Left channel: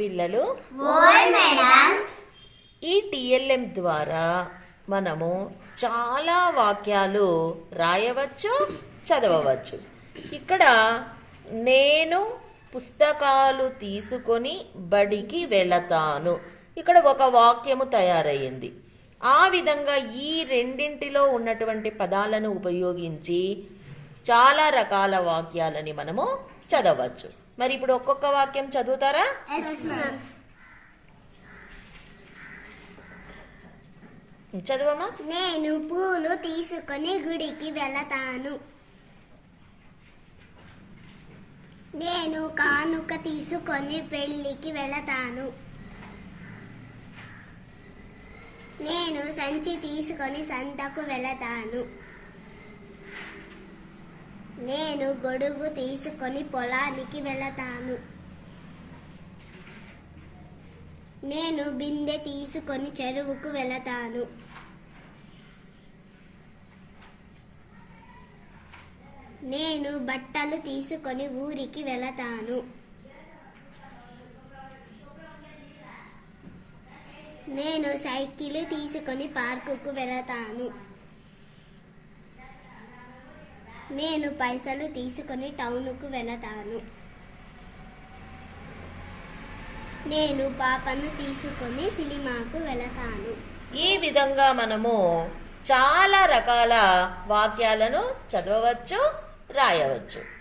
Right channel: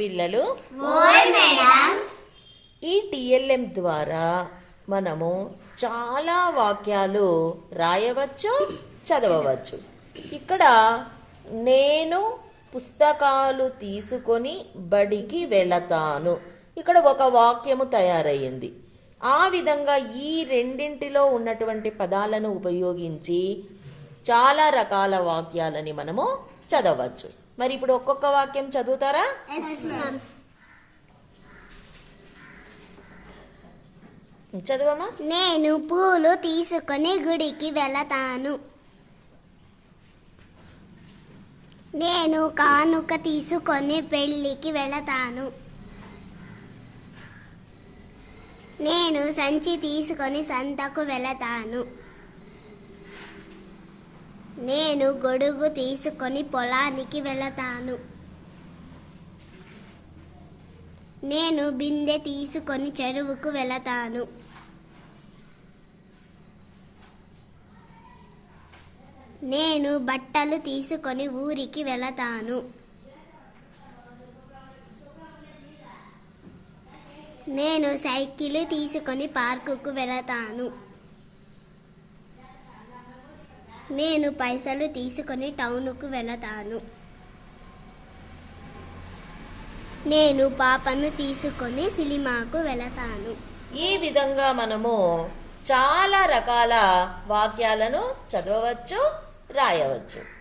పిల్లలు. ఈ టిఎల్ఎం ద్వారా మనము చాలా వాక్యాలు రాయవచ్చు చదవవచ్చు. ఇక్కడ నేను పుస్తకాలు తీసుకొని బడికి వెళతాను. ఇక్కడ ఒక వాక్యము తయారయ్యింది. ఆ విధంగా ఈ రెండింటిలో ఉన్నటువంటి పదాలను ఉపయోగించి చాలా రకాల వాక్యాలని మనము చదవచ్చు. మరి ఇప్పుడు ఒక్కొక్క వాక్యం చదువుతారా? ఎస్ మ్యామ్ చదవమా నేను పూలు తీసుకొని గుడికి వెళతాను. నేను కానుక తీసుకొని పెళ్ళికి వెళతాను. నేను సంచి తీసుకొని సంతకు వెళతాను. నేను గొడుగు తీసుకొని పొలానికి వెళతాను. నేను బిందె తీసుకొని చెరువుకు వెళతాను. నేను బట్టలు తీసుకొని ఊరికి వెళతాను. నేను సైకిల్ తీసుకొని పార్కుకు వెళతాను. నేను పైసలు తీసుకొని టౌన్కు వెళతాను. నేను పాపను తీసుకొని సినిమాకు వెళతాను. ఈ విధంగా మనము చాలా రకాల వాక్యాలను చదవవచ్చు రాయవచ్చు.